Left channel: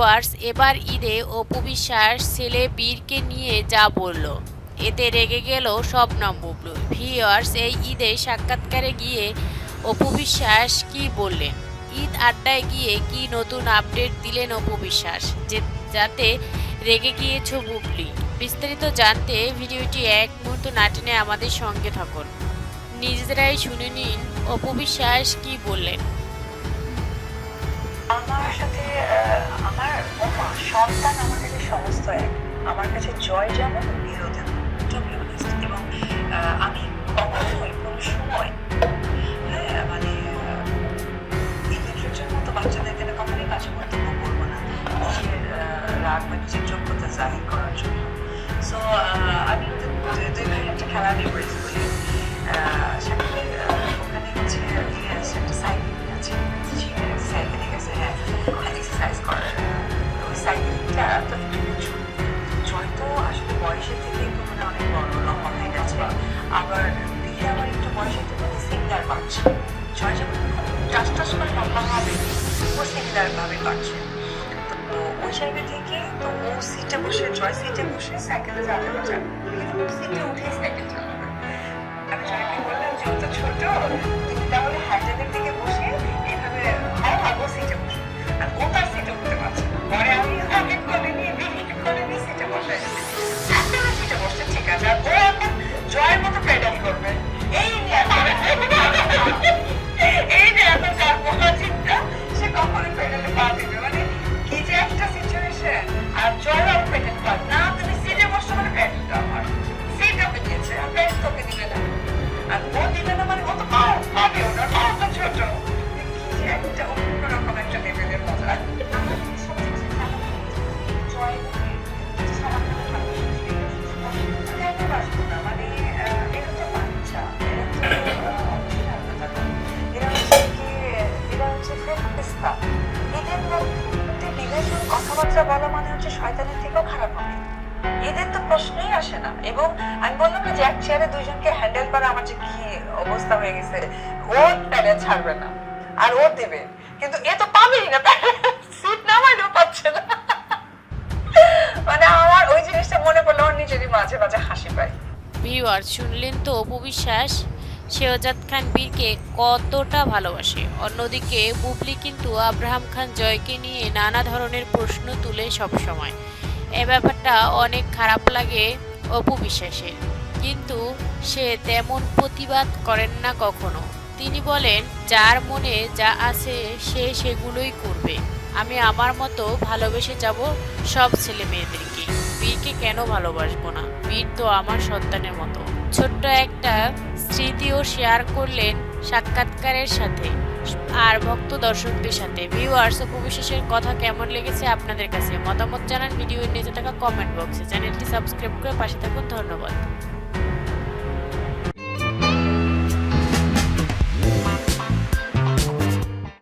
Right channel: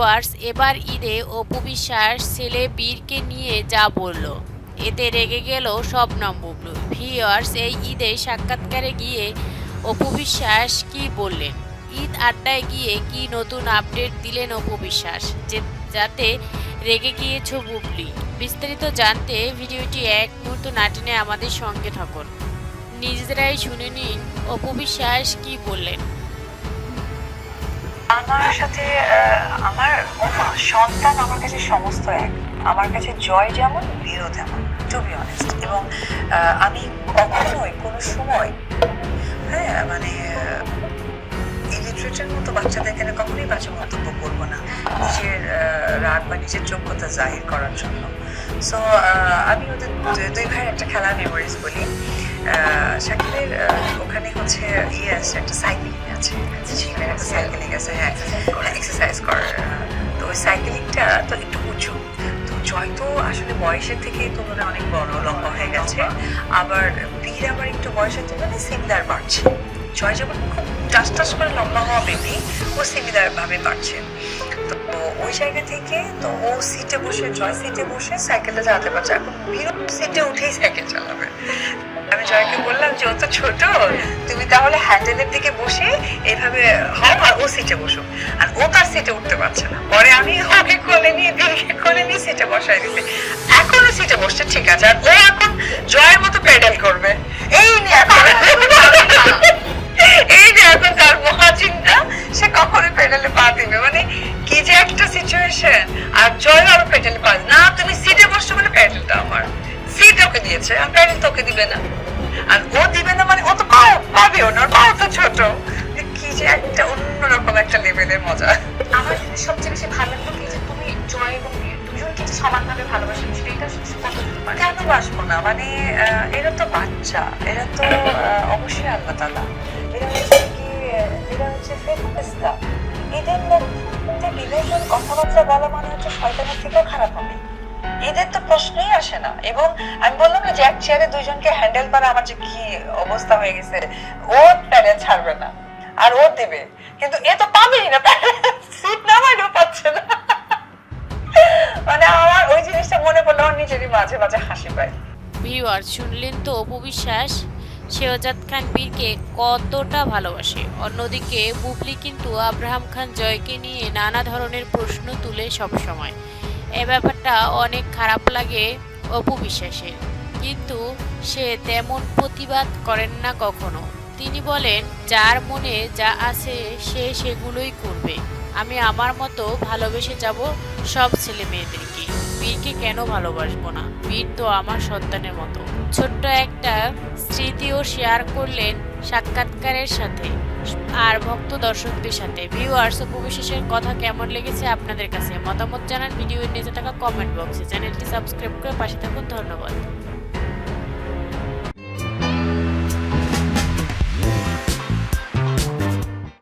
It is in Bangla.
ভিউয়ার্স এবার ঈদে অপু বিশ্বাস ছেলে বীরকে নিয়ে যা বলল। এতে রেগে গেল শবনম বুবলু। ভিউয়ার্স, এই ঈদে সাক্ষাৎকারে গিয়ে অপু বিশ্বাস কি বললেন? ঈদ আড্ডায় গিয়ে কি নতুন আপডেট দিলেন অপু বিশ্বাস যে, যাতে রেগে গিয়েছ বুবলি। বিস্তারিত জানতে ভিডিওটি এক মুহূর্ত না টেনে আমাদের সঙ্গে থাকুন। নিজেরাই শুনে নিন অপু বিশ্বাস কি বললেন। আমার সাথে আমার সন্তান আমার কাছে সমস্ত এক। আমার কাছে জয় যেমন বীরও তেমন টু বি অনেস্ট এবং আমি কখনোই কোনো সময় হ্যাঁ মানে ইলিটারেটের মতো বাচ্চাদের এখানে কখনোই বাজে মন্তব্য করব না। নিজের রাগ বা নিজের যোগ্যতা জাহির করার জন্য। সো আমি ওদের দুই- ভাইয়ের একটা খেলা মেমোরিজ বলি। শাকিলের ওখানে হচ্ছে তো আসলে বয়সের থেকে অনেক বড় লম্বা হয়ে গেছে। আবার বীর আবার একটু বয়সের তুলনায় সিমিলার বাড়ছে। যখন টাস টাস করে লম্বা হওয়া ও সিমিলার ভাবে বাড়ছে। তো ওই জায়গা থেকে তো ও সিটে বসে, জয় সিটে বসে সাইকেলটা চালাতে পারছে। এখন বীরও সিটে উঠেই সাইকেল চালাবে। আমি জয়কে বললাম যে, ও তো ছোট, তুমি তাহলে হ্যান্ডেলের দিকে বসে এইভাবে হও আর ও সিটে বসো আর ও তার সিটে উঠতে পারছে না। পরে সিটে বসাই দিতে। এখন সিটে বসছে, ঠিক আছে। আর ও এখন জয়ের মতো প্যাডেল করবে। বাচ্চা এরা তো অবশ্যই আল্লাহ তালা এরা হচ্ছে কি এরা হচ্ছে ফেরফেস্তা এদের মধ্যে বিবেচন কথাবার্তা বলা মানে হচ্ছে শয়তানের থেকেও খারাপ হবে। এদের তো প্রশ্নই আসে না। এবং আমি বললাম না যে এক চেয়ারে দুইজনকে হ্যান্ডেল করা আমার যে কি অবস্থা হয়ে গেছে ও প্যাডেল ছাড়বে না। আর ও দেবে। কিন্তু এ তো পাবেই না সিট নামাইলেও পাচ্ছে না। মানে আমার ওই জিনিসটা মনে পড়লে, আমার নিজেরই মাঝে মাঝে হাসি পায়। ভিউয়ার শুনলেন তো অপু বিশ্বাস, শেহজাদ খান বীরকে কতটা ভালোবাসে। অন্যদিকে বুবলি কিন্তু আব্রাহাম খান জয়কে নিয়ে নানা ধরনের প্রশ্ন তুলে সব সময় এ ব্যাপারটা অনেক খারাপ লাগে অপু বিশ্বাসের। কিন্তু সে তেমন প্রতিবাদ করেন না কখনো। তিনি বলেন, যার মনে যা আছে সে সেগুলোই করবে। আমি আমার মতো ভালোবেসে যাব সব ছেলে মেয়েদেরকে বীরকে কেন ভালোবাসবো না? বীর তো আমার সন্তানের মতো। ছোট্ট একটা স্মৃতিও শেয়ার করলেন সাক্ষাৎকারের সাথে আর ভক্ত দর্শকদের সাথে। ভিউয়ার্স ও বিশেষের কথা কেমন লেগেছে আপনাদের কাছে? মতামত জানান ভিডিওর নিচে থাকা কমেন্ট বক্সে চ্যানেলটি সাবস্ক্রাইব করে পাশে থাকুন। ধন্যবাদ।